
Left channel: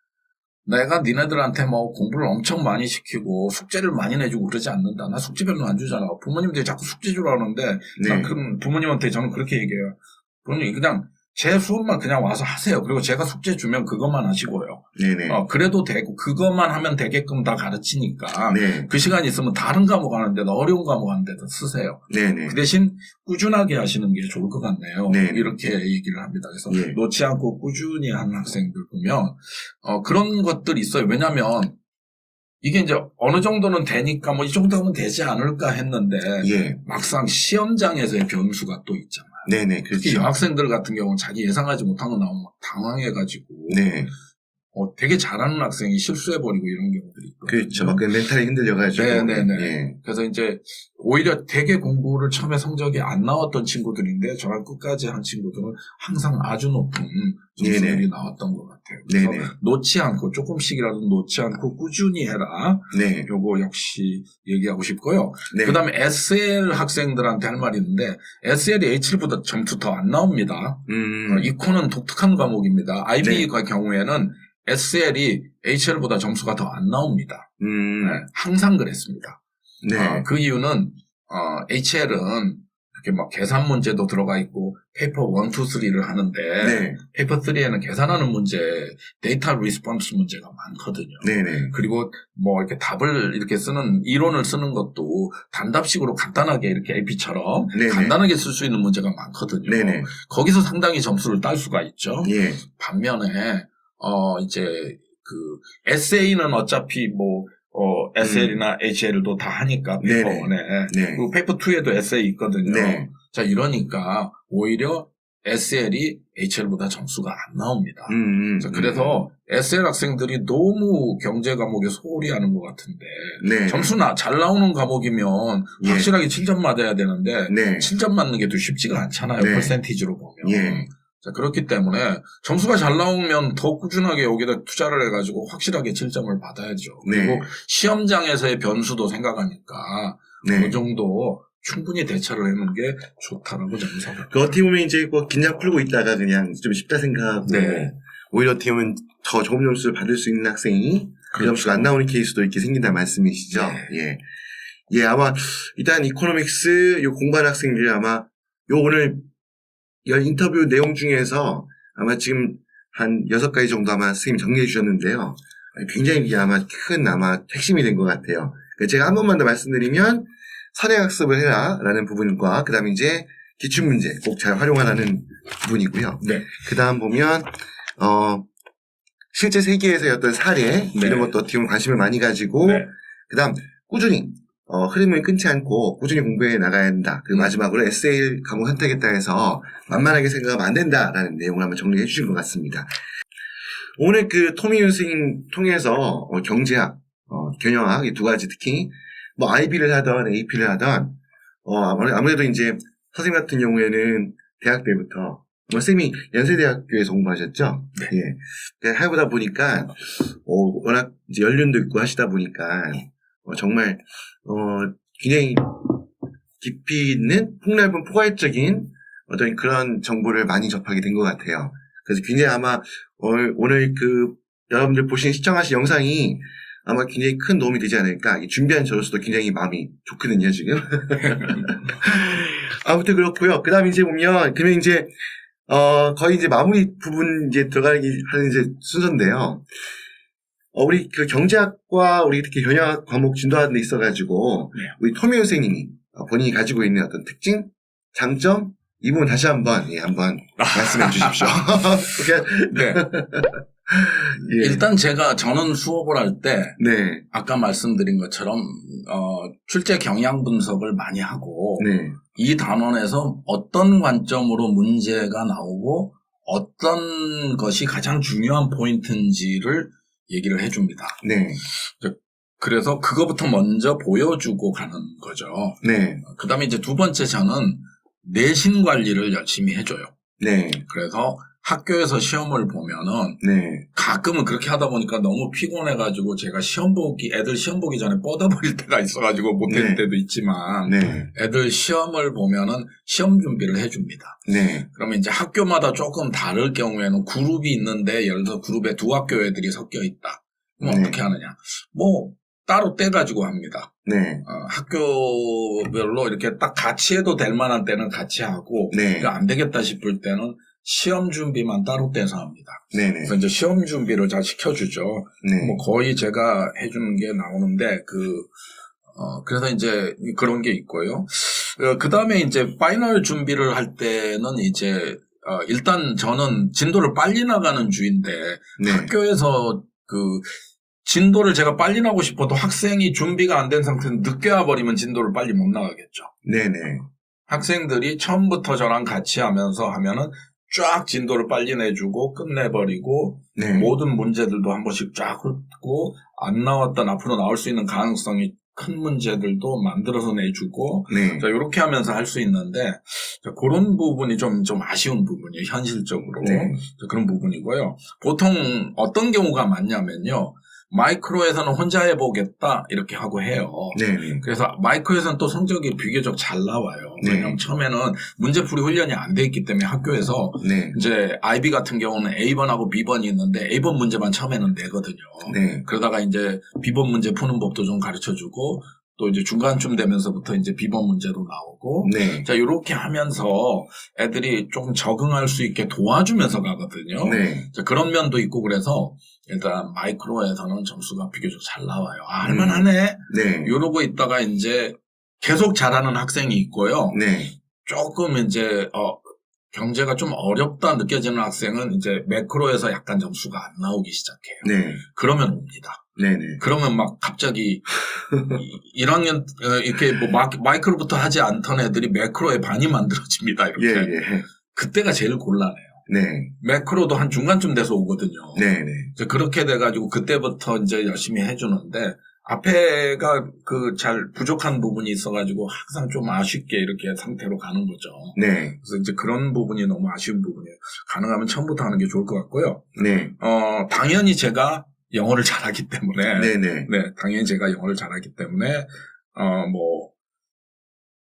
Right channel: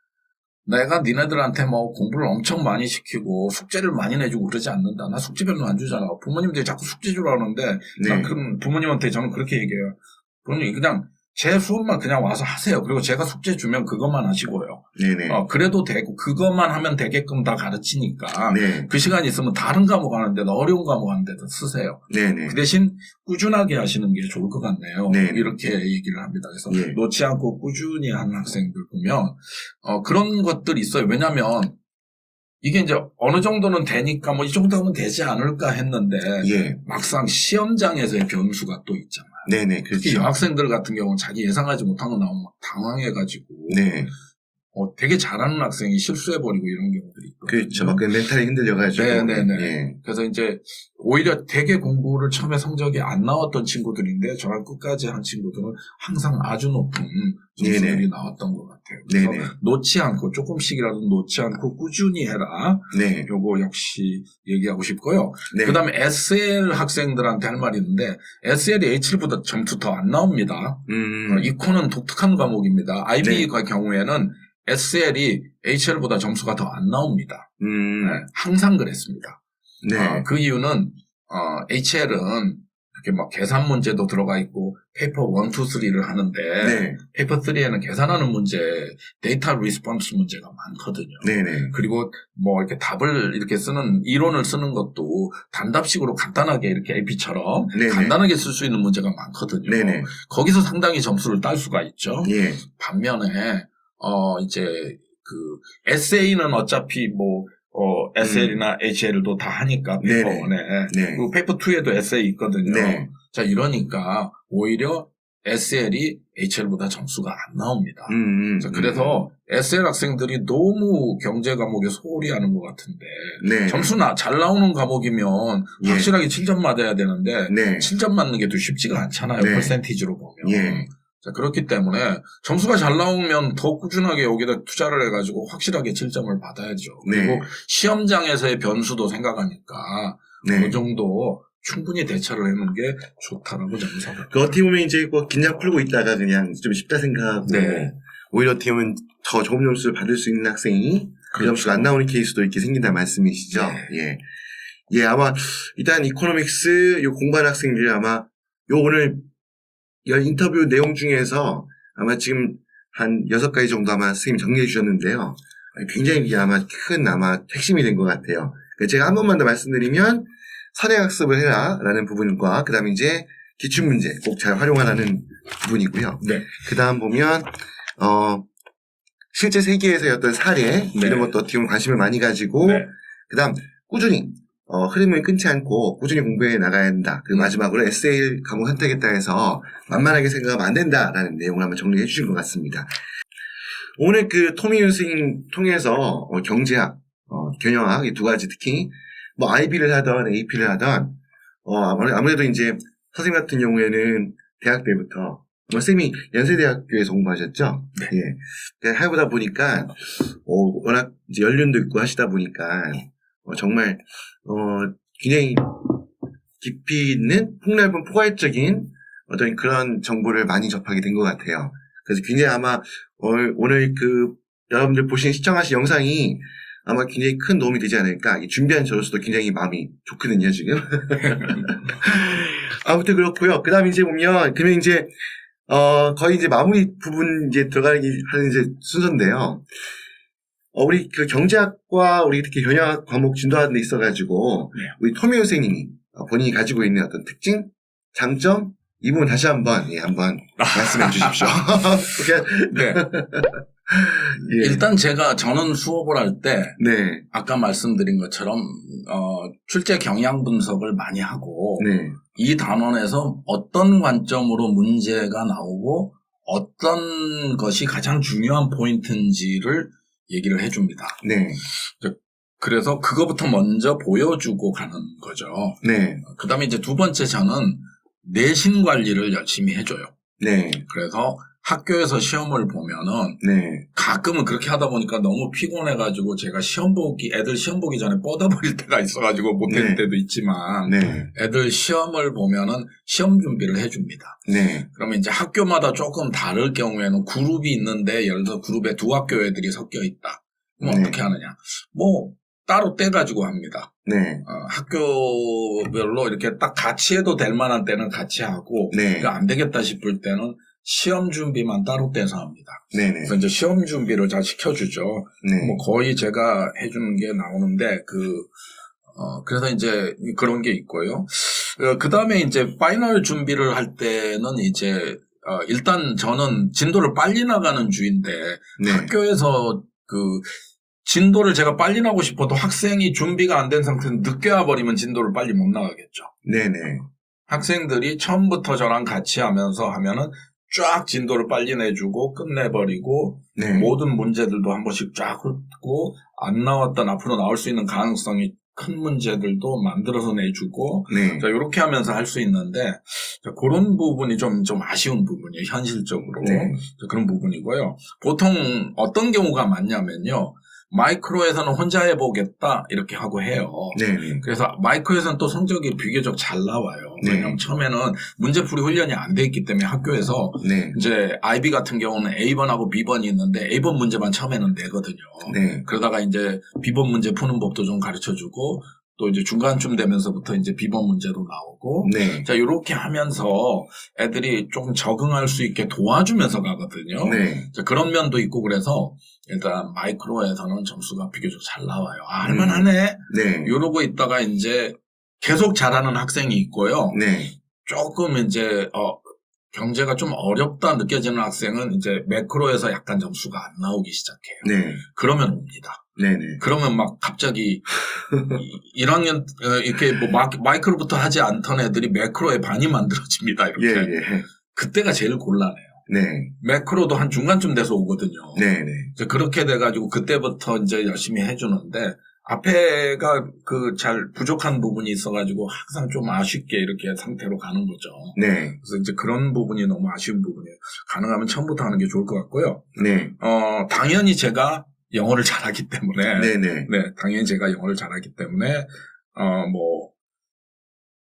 내가 니네들한테 뭐 공부를 엄청 많이 시키고 숙제를 많이 내주고 그러지 않는다. 나 숙제 별로 안 주잖아. 부모님들이 자꾸 숙제 주라 하는데 네. 그럼 부모님한테 저는 그렇게 얘기해요. 부모님 그냥 제 수업만 그냥 와서 하세요. 그리고 제가 숙제 주면 그것만 하시고요. 네네. 그래도 되고 그것만 하면 되게끔 다 가르치니까 네. 그 시간 있으면 다른 과목 하는데도 어려운 과목 하는데도 쓰세요. 네네. 그 대신 꾸준하게 하시는 게 좋을 것 같네요. 네네. 이렇게 얘기를 합니다. 그래서 예. 놓지 않고 꾸준히 하는 학생들 보면 그런 것들이 있어요. 왜냐하면 이게 이제 어느 정도는 되니까 뭐 이 정도 하면 되지 않을까 했는데 예. 막상 시험장에서의 변수가 또 있잖아요. 네네. 특히 그렇죠. 여학생들 같은 경우는 자기 예상하지 못한 거 나오면 막 당황해가지고 네. 되게 잘하는 학생이 실수해버리고 이런 경우들이 있거든요. 그렇죠. 막 멘탈이 흔들려가지고. 네네네. 예. 그래서 이제 오히려 되게 공부를 처음에 성적이 안 나왔던 친구들인데 저랑 끝까지 한 친구들은 항상 아주 높은 점수들이 네네. 나왔던 것 같아요. 그래서 네네. 놓지 않고 조금씩이라도 놓지 않고 꾸준히 해라. 네. 요거 역시 얘기하고 싶고요. 네. 그 다음에 SL 학생들한테 할 말이 있는데 SL이 H7보다 점수 더 안 나옵니다. 이코는 독특한 과목입니다. IB의 경우에는 SL이 HL보다 점수가 더 안 나옵니다. 네, 항상 그랬습니다. 네. 그 이유는 HL은 이렇게 막 계산 문제도 들어가 있고 페이퍼 1, 2, 3를 하는데 네. 페이퍼 3에는 계산하는 문제, 데이터 리스폰스 문제가 많거든요. 네네. 그리고 뭐 이렇게 답을 이렇게 쓰는 이론을 쓰는 것도 단답식으로 간단하게 이렇게 AP처럼 네네. 간단하게 쓸 수 있는 문제가 많거든요. 네네. 거기서 상당히 점수를 딸 수가 있죠. 예. 반면에 이제 그 에세이는 어차피 뭐 SL이나 HL도 다 하니까 페이퍼 네네. 1에 네. 그리고 페이퍼 2에도 에세이 있거든요. 네. 자 이러니까 오히려 SL이 HL보다 점수가 안 나옵니다. 자, 그래서 SL 학생들이 너무 경제 과목에 소홀히 하는 것 같은데 네. 점수나 잘 나오는 과목이면 예. 확실하게 7점 맞아야 되는데 네. 7점 맞는 게 또 쉽지가 않잖아요. 네. 퍼센티지로 보면. 예. 자, 그렇기 때문에 점수가 잘 나오면 더 꾸준하게 여기다 투자를 해가지고 확실하게 7점을 받아야죠. 네. 그리고 시험장에서의 변수도 생각하니까 네. 그 정도 충분히 대처를 해놓는 게 좋다라고 저는 생각합니다. 그 어떻게 보면 이제 뭐 긴장 풀고 있다가 그냥 좀 쉽다 생각하고 네. 오히려 어떻게 보면 더 좋은 점수를 받을 수 있는 학생이 그 그렇죠. 점수가 안 나오는 케이스도 이렇게 생긴다는 말씀이시죠. 네. 예. 예, 아마 일단 이코노믹스 요 공부하는 학생들이 아마 요 오늘 인터뷰 내용 중에서 아마 지금 한 6가지 정도 아마 선생님이 정리해 주셨는데요. 굉장히 이게 아마 큰 핵심이 된 것 같아요. 제가 한 번만 더 말씀드리면 선행학습을 해라라는 부분과 그 다음에 이제 기출문제 꼭 잘 활용하라는 부분이고요. 네. 그 다음 보면 실제 세계에서의 어떤 사례 네. 이런 것도 어떻게 보면 관심을 많이 가지고 네. 그 다음 꾸준히 흐름을 끊지 않고 꾸준히 공부해 나가야 한다. 그리고 마지막으로 에세이 과목 선택했다 해서 만만하게 생각하면 안 된다라는 내용을 한번 정리해 주신 것 같습니다. 오늘 그 토미윤 선생님 통해서 경제학, 경영학 이 두 가지 특히 뭐 IB를 하던 AP를 하던 아무래도 이제 선생님 같은 경우에는 대학 때부터 쌤이 연세대학교에서 공부하셨죠? 네. 예. 그러니까 해보다 보니까 워낙 이제 연륜도 있고 하시다 보니까 정말 굉장히 깊이 있는 폭넓은 포괄적인 어떤 그런 정보를 많이 접하게 된 것 같아요. 그래서 굉장히 아마 오늘 그 여러분들 시청하신 영상이 아마 굉장히 큰 도움이 되지 않을까. 준비한 저로서도 굉장히 마음이 좋거든요, 지금. 아무튼 그렇고요. 그 다음에 이제 보면, 그러면 이제, 거의 이제 마무리 부분 이제 들어가기 하는 이제 순서인데요. 우리 그 경제학과 우리 특히 경영학 과목 진도하는 데 있어가지고, 우리 토미오 선생님이 본인이 가지고 있는 어떤 특징, 장점, 이 부분 다시 한번 말씀해 주십시오. 네. 예. 일단 저는 수업을 할 때 네. 아까 말씀드린 것처럼 출제 경향 분석을 많이 하고 네. 이 단원에서 어떤 관점으로 문제가 나오고 어떤 것이 가장 중요한 포인트인지를 얘기를 해줍니다. 네. 그래서 그거부터 먼저 보여주고 가는 거죠. 네. 그 다음에 이제 두 번째 저는 내신 관리를 열심히 해줘요. 네. 그래서 학교에서 시험을 보면은 네. 가끔은 그렇게 하다 보니까 너무 피곤해가지고 제가 애들 시험 보기 전에 뻗어버릴 때가 있어가지고 못할 네. 때도 있지만 네. 애들 시험을 보면은 시험 준비를 해줍니다. 네. 그러면 이제 학교마다 조금 다를 경우에는 그룹이 있는데 예를 들어 그룹에 두 학교 애들이 섞여 있다. 그럼 네. 어떻게 하느냐? 뭐 따로 떼가지고 합니다. 네. 학교별로 이렇게 딱 같이 해도 될 만한 때는 같이 하고 네. 안 되겠다 싶을 때는 시험 준비만 따로 떼서 합니다. 네네. 그래서 이제 시험 준비를 잘 시켜주죠. 네. 뭐 거의 제가 해주는 게 나오는데 그래서 이제 그런 게 있고요. 그 다음에 이제 파이널 준비를 할 때는 이제 일단 저는 진도를 빨리 나가는 주인데 네. 학교에서 진도를 제가 빨리 나고 싶어도 학생이 준비가 안 된 상태에서 늦게 와버리면 진도를 빨리 못 나가겠죠. 네네. 학생들이 처음부터 저랑 같이 하면은 쫙 진도를 빨리 내주고 끝내버리고 네. 모든 문제들도 한 번씩 쫙 훑고 안 나왔던 앞으로 나올 수 있는 가능성이 큰 문제들도 만들어서 내주고 네. 자, 이렇게 하면서 할 수 있는데 자, 그런 부분이 좀 아쉬운 부분이에요. 현실적으로. 네. 자, 그런 부분이고요. 보통 어떤 경우가 많냐면요. 마이크로에서는 혼자 해보겠다 이렇게 하고 해요. 네네. 그래서 마이크로에서는 또 성적이 비교적 잘 나와요. 네. 왜냐하면 처음에는 문제풀이 훈련이 안 돼 있기 때문에 학교에서 네. 이제 IB 같은 경우는 A번하고 B번이 있는데 A번 문제만 처음에는 내거든요. 네. 그러다가 이제 B번 문제 푸는 법도 좀 가르쳐주고 또 이제 중간쯤 되면서부터 이제 B번 문제도 나오고 네. 자 이렇게 하면서 애들이 조금 적응할 수 있게 도와주면서 가거든요. 네. 자, 그런 면도 있고 그래서 일단 마이크로에서는 점수가 비교적 잘 나와요. 할만하네. 네. 이러고 있다가 이제 계속 잘하는 학생이 있고요. 네. 조금 이제 경제가 좀 어렵다 느껴지는 학생은 이제 매크로에서 약간 점수가 안 나오기 시작해요. 네. 그러면 옵니다. 네네. 그러면 막 갑자기 1학년 이렇게 뭐 마이크로부터 하지 않던 애들이 매크로에 반이 만들어집니다. 이렇게. 예, 예. 그때가 제일 곤란해요. 네. 매크로도 한 중간쯤 돼서 오거든요. 네네. 그렇게 돼가지고 그때부터 이제 열심히 해주는데 앞에가 잘 부족한 부분이 있어가지고 항상 좀 아쉽게 이렇게 상태로 가는 거죠. 네. 그래서 이제 그런 부분이 너무 아쉬운 부분이에요. 가능하면 처음부터 하는 게 좋을 것 같고요. 네. 당연히 제가 영어를 잘하기 때문에 네네. 네, 당연히 제가 영어를 잘하기 때문에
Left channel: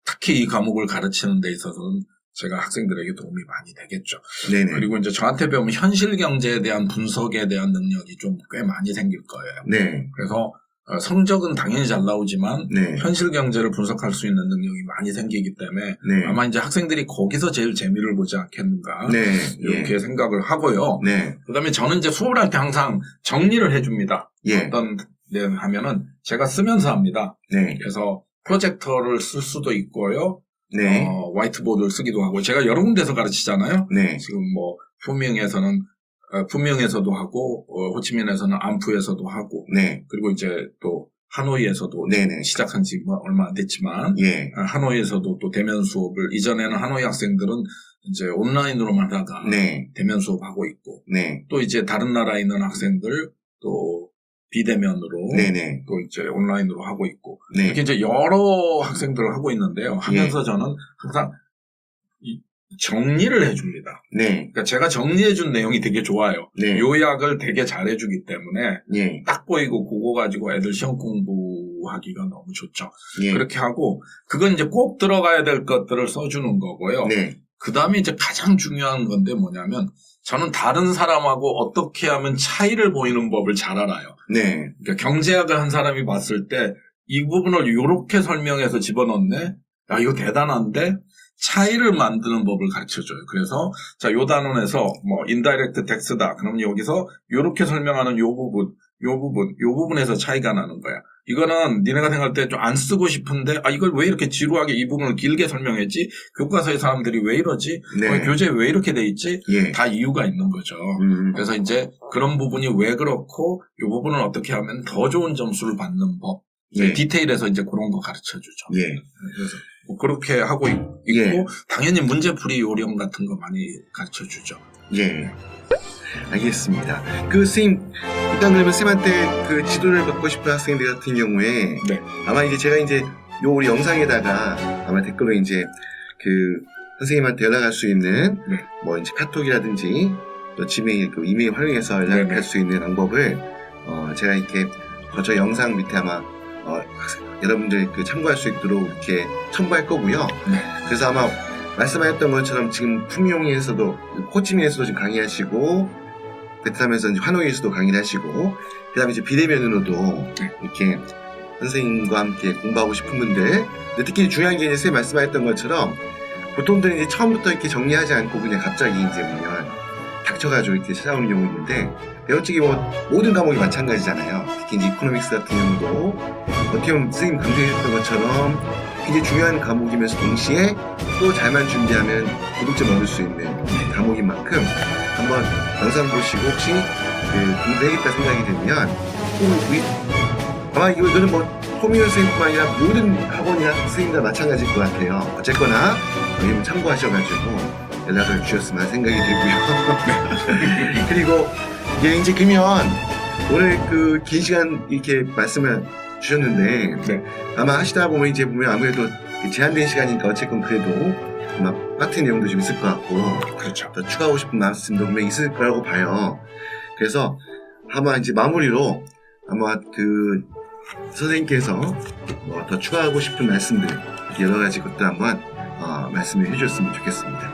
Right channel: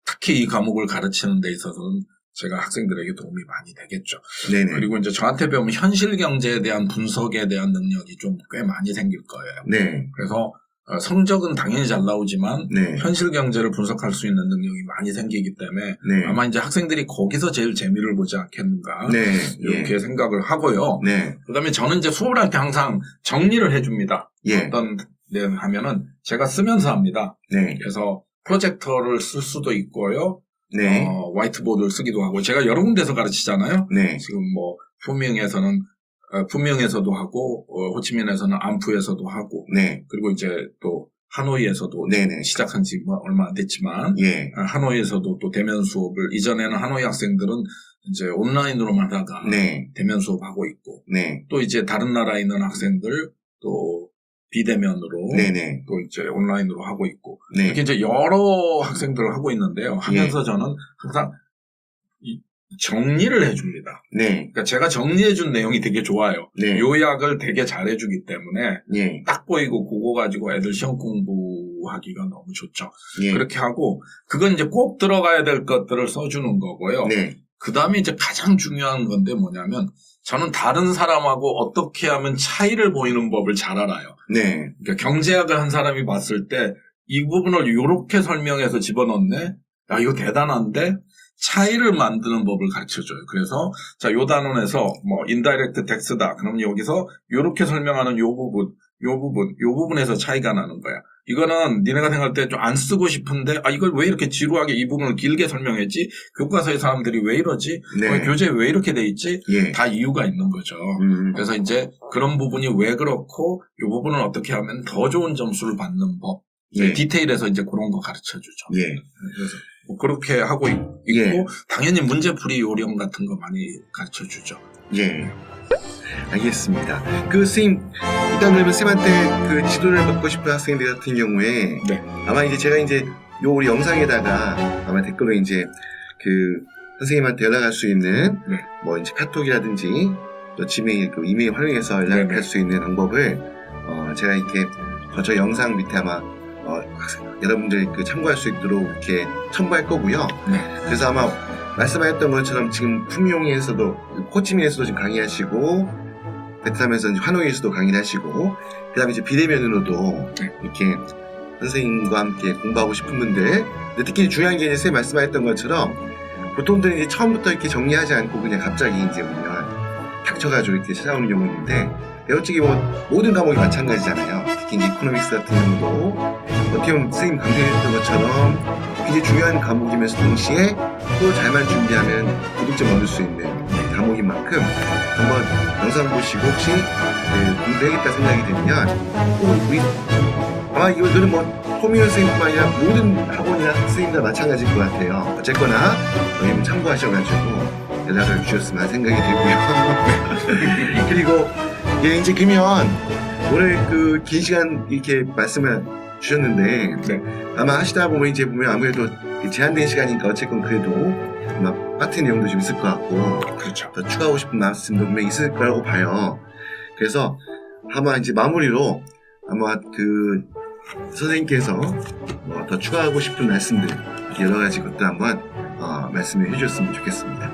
특히 이 과목을 가르치는 데 있어서는 제가 학생들에게 도움이 많이 되겠죠. 네네. 그리고 이제 저한테 배우면 현실 경제에 대한 분석에 대한 능력이 좀 꽤 많이 생길 거예요. 네. 그래서 성적은 당연히 잘 나오지만 네. 현실 경제를 분석할 수 있는 능력이 많이 생기기 때문에 네. 아마 이제 학생들이 거기서 제일 재미를 보지 않겠는가 네. 이렇게 생각을 하고요. 네. 그다음에 저는 이제 수업을 할 때 항상 정리를 해줍니다. 예. 어떤 데 하면은 제가 쓰면서 합니다. 네. 그래서 프로젝터를 쓸 수도 있고요. 네. 화이트보드를 쓰기도 하고 제가 여러 군데서 가르치잖아요. 네. 지금 뭐 푸명에서도 하고 호치민에서는 안푸에서도 하고 네. 그리고 이제 또 하노이에서도 네네. 시작한 지 얼마 안 됐지만 예. 하노이에서도 또 대면 수업을 이전에는 하노이 학생들은 이제 온라인으로만 하다가 네. 대면 수업하고 있고 네. 또 이제 다른 나라에 있는 학생들 또 비대면으로 네네. 또 이제 온라인으로 하고 있고 네. 이렇게 이제 여러 학생들을 하고 있는데요. 하면서 저는 항상 정리를 해줍니다. 네. 그러니까 제가 정리해준 내용이 되게 좋아요. 네. 요약을 되게 잘해주기 때문에 네. 딱 보이고 그거 가지고 애들 시험 공부하기가 너무 좋죠. 네. 그렇게 하고 그건 이제 꼭 들어가야 될 것들을 써주는 거고요. 네. 그 다음에 이제 가장 중요한 건데 뭐냐면 저는 다른 사람하고 어떻게 하면 차이를 보이는 법을 잘 알아요. 네. 그러니까 경제학을 한 사람이 봤을 때 이 부분을 이렇게 설명해서 집어넣네? 야, 이거 대단한데? 차이를 만드는 법을 가르쳐줘요. 그래서 자, 요 단원에서 뭐 인다이렉트 텍스다. 그럼 여기서 요렇게 설명하는 요 부분에서 차이가 나는 거야. 이거는 니네가 생각할 때 좀 안 쓰고 싶은데 이걸 왜 이렇게 지루하게 이 부분을 길게 설명했지? 교과서의 사람들이 왜 이러지? 네. 교재에 왜 이렇게 돼 있지? 예. 다 이유가 있는 거죠. 그래서 이제 그런 부분이 왜 그렇고 이 부분을 어떻게 하면 더 좋은 점수를 받는 법. 예. 디테일에서 이제 그런 거 가르쳐 주죠. 예. 그래서 뭐 그렇게 하고 있고 예. 당연히 문제풀이 요령 같은 거 많이 가르쳐 주죠. 예. 알겠습니다. 선생님, 일단 그러면 쌤한테 그 지도를 받고 싶은 학생들 같은 경우에 네. 아마 이제 제가 이제 요 우리 영상에다가 아마 댓글로 이제 그 선생님한테 연락할 수 있는 네. 뭐 이제 카톡이라든지 또 지메일 그 이메일 활용해서 연락할 네네. 수 있는 방법을 제가 이렇게 저 영상 밑에 아마 여러분들 그 참고할 수 있도록 이렇게 첨부할 거고요. 네. 그래서 아마 말씀하셨던 것처럼 지금 풍용에서도 호치민에서도 지금 강의하시고 베트남에서 이제 하노이에서도 강의를 하시고 그다음에 이제 비대면으로도 이렇게 선생님과 함께 공부하고 싶은 분들 근데 특히 중요한 게 이제 선생님 말씀하셨던 것처럼 보통들은 이제 처음부터 이렇게 정리하지 않고 그냥 갑자기 이제 보면 닥쳐가지고 이렇게 찾아오는 경우 있는데 어차피 뭐 모든 과목이 마찬가지잖아요. 특히 이제 이코노믹스 같은 경우도 어떻게 보면 선생님 강조해주셨던 것처럼 굉장히 중요한 과목이면서 동시에 또 잘만 준비하면 고득점 얻을 수 있는 과목인 만큼 한번 영상 보시고 혹시 공부해야겠다 생각이 들면 이거는 뭐 소민현 선생님과 아니라 모든 학원이나 학생들 마찬가지일 것 같아요. 어쨌거나 여러분 참고하셔가지고 연락을 주셨으면 생각이 들고요. 그리고 이제 그러면 오늘 그 긴 시간 이렇게 말씀을 주셨는데 아마 하시다 보면 이제 보면 아무래도 제한된 시간이니까 어쨌건 그래도 아마 파트 내용도 좀 있을 것 같고 그렇죠. 더 추가하고 싶은 말씀도 분명히 있을 거라고 봐요. 그래서 아마 이제 마무리로 아마 그 선생님께서 더 추가하고 싶은 말씀들 여러 가지 것도 한번 말씀을 해주셨으면 좋겠습니다.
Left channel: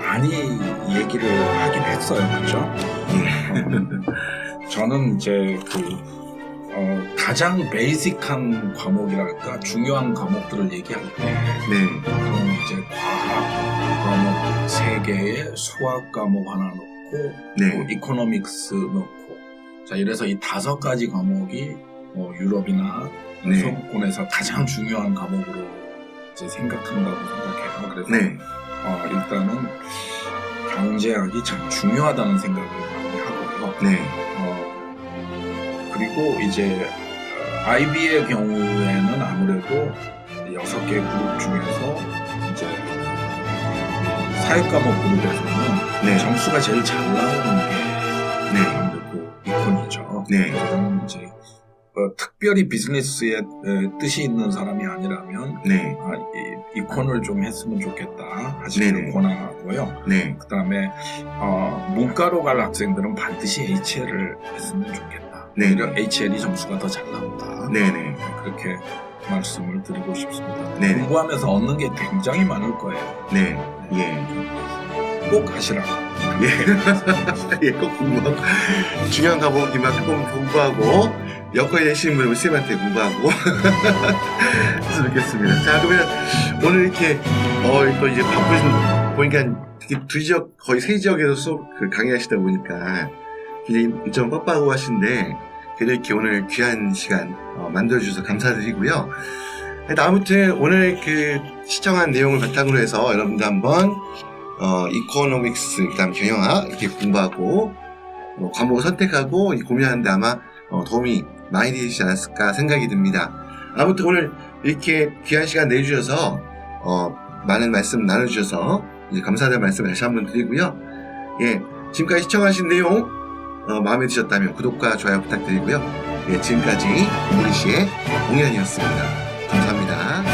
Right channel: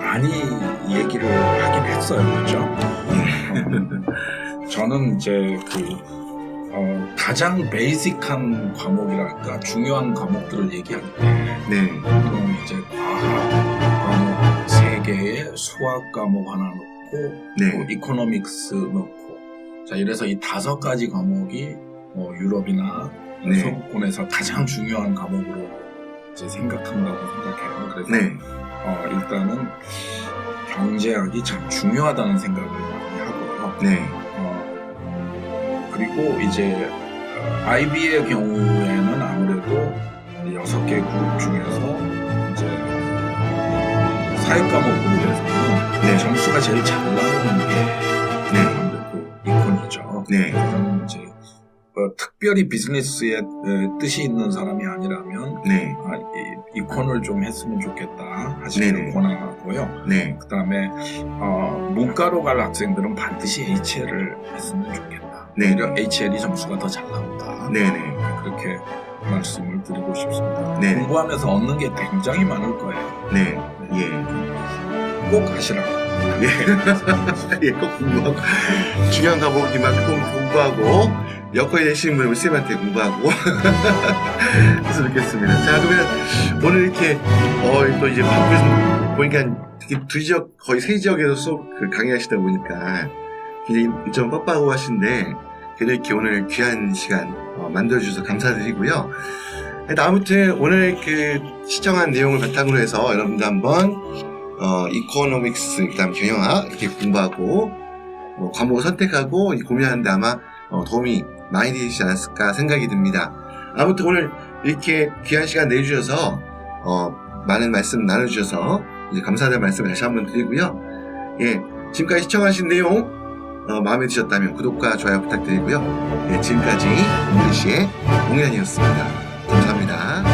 많이 얘기를 하긴 했어요, 그렇죠? 저는 이제 가장 베이직한 과목이랄까 중요한 과목들을 얘기할 때, 이제 과학 과목 3개에 수학 과목 하나 넣고, 또 이코노믹스 넣고, 자 이래서 이 5가지 과목이 뭐 유럽이나 서구권에서 가장 중요한 과목으로 이제 생각한다고 생각해요. 그래서 일단은 경제학이 참 중요하다는 생각을 많이 하고요. 그리고 이제 IB의 경우에는 아무래도 6개 그룹 중에서 이제 사회 과목 그룹에서는 점수가 제일 잘 나오는 게 아무래도 이콘이죠. 그다음 이제 특별히 비즈니스에 뜻이 있는 사람이 아니라면 이콘을 좀 했으면 좋겠다 하시기를 권하고요. 그 다음에 문과로 갈 학생들은 반드시 HL을 했으면 좋겠다. 오히려 HL이 점수가 더 잘 나온다. 그렇게 말씀을 드리고 싶습니다. 공부하면서 얻는 게 굉장히 많을 거예요. 꼭 하시라고. 꼭 공부하고 중요한 과목이만큼 공부하고 여건이 되시는 분은 쌤한테 공부하고 했으면 좋겠습니다. 자 그러면 오늘 이렇게 또 이제 바쁘신 보니까 두 지역 거의 3지역에서 수업 강의하시다 보니까 굉장히 좀 빡빡하고 하신데 그래도 이렇게 오늘 귀한 시간 만들어주셔서 감사드리고요. 아무튼 오늘 시청한 내용을 바탕으로 해서 여러분들 한번 이코노믹스 그다음 경영학 이렇게 공부하고 과목을 선택하고 고민하는데 아마 도움이 많이 되시지 않았을까 생각이 듭니다. 아무튼 오늘 이렇게 귀한 시간 내주셔서 많은 말씀 나눠주셔서 이제 감사하다는 말씀을 다시 한번 드리고요. 지금까지 시청하신 내용 마음에 드셨다면 구독과 좋아요 부탁드리고요. 지금까지 우리시의 공연이었습니다. 감사합니다.